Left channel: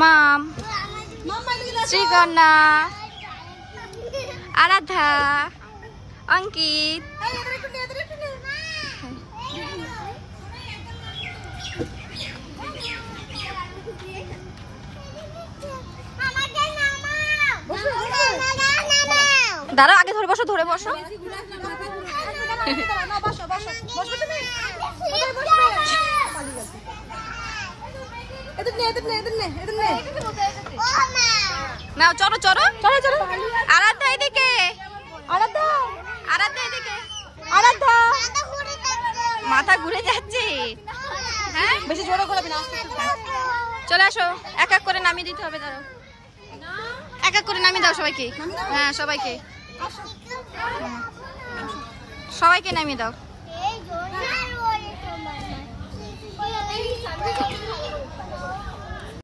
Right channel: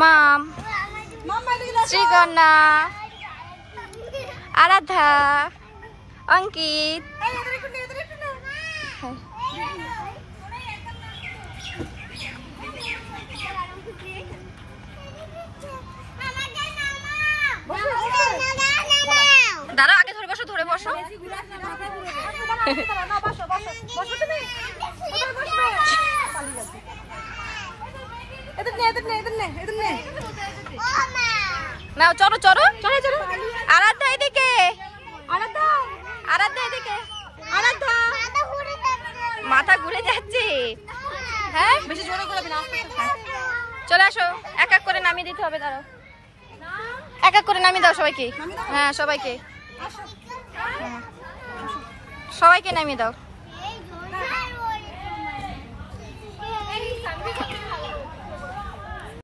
মাম, শ্রীকন্যা, আরাধ্যা, অঙ্কিত। দাঁড়াও, আগে ধরে বসো, ধরে বসো। নাও চলো চলো চলো চলো। আরাধ্যা এদিকে, আরাধ্যা এদিকে, আরাধ্যা মাথা ঘুরে যাচ্ছে। হ্যাঁ বেশি জোরে করবে না, চলে আসো। এক এক করে নামিয়ে দিতে হবে, দাঁড়াও এক এক করে নামিয়ে দাও সবাইকে। হ্যাঁ সবাইকে, সবাইকে নামিয়ে দাও।